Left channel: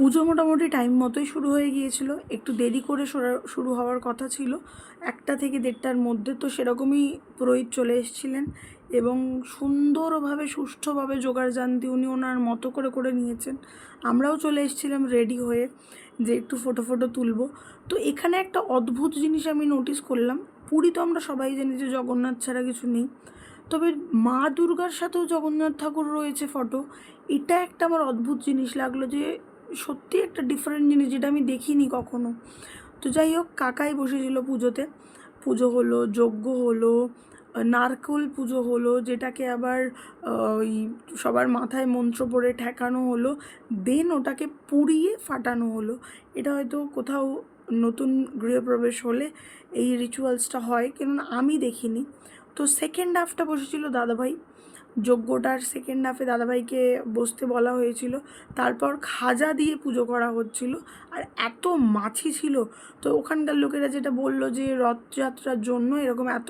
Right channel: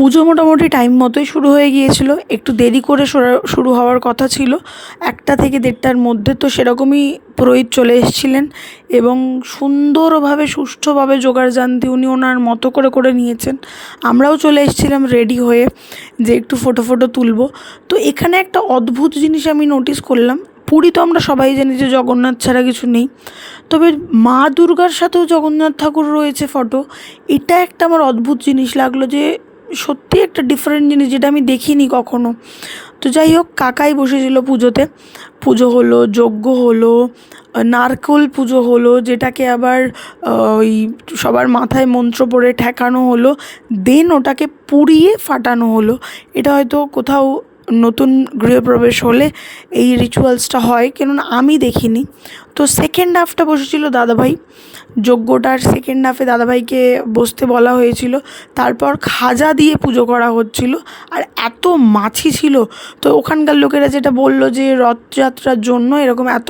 পুজো মোটামুটি টাইম মতোই শুরু হয়ে গিয়েছিল, একটু দেরি করে শুরু হওয়ার কথা ছিল 1টা থেকে 1:30টার মধ্যে। তো সেরকমই পুরোহিত চলে এসেছিলেন এবং সুন্দরভাবে সুষ্ঠুভাবে যোগাড়যান্তি উনি ওনার মতো করে করে নিয়েছেন। আমরাও চলে এসেছিলাম রেডি হয়ে যে একটু ফটো তুলব। তো এখানে একটা অদ্ভুত জিনিস আমি নোটিস করলাম। পুরী তো আমরা সবাই জানি যে জগন্নাথ ছাড়া কিছু নেই, তবে মা দুর্গার সাথেও জগন্নাথ ঠাকুর রয়েছে ফটো। এটা একটা আমার অদ্ভুত জিনিস লাগলো, যে সত্যি একটা ডিফারেন্ট জিনিস যেটা আমি দেখিনি কখনো। তো যাই হোক, কাকাই বসেছিল পুজোতে। পুজো হলো, যজ্ঞ হলো, নারকোল পুজো হলো, যেটাকে আবার ওই সবার মাথায় মন্ত্র পড়ে ঠেকানো হলো, দেন ওটাকে পুড়িয়ে ফাটানো হলো। এটা হয়তো কোথাও নতুন গৃহপ্রবেশ হলে এই রিচুয়ালসটা হয়, কেননা আমি দেখিনি। তো সেকেন্ড হাফটা বসেছিল দাদাভাই, যজ্ঞটার সেকেন্ড হাফে দাদাভাইকে বসতে বলা হয়েছিল। তারপর খাজা দিয়ে পুজো করা হচ্ছিল, আর এত মাছি ছিল। তো ওখানকার লোকেরা যেটা বললো যে রথযাত্রার জন্য এরকম এত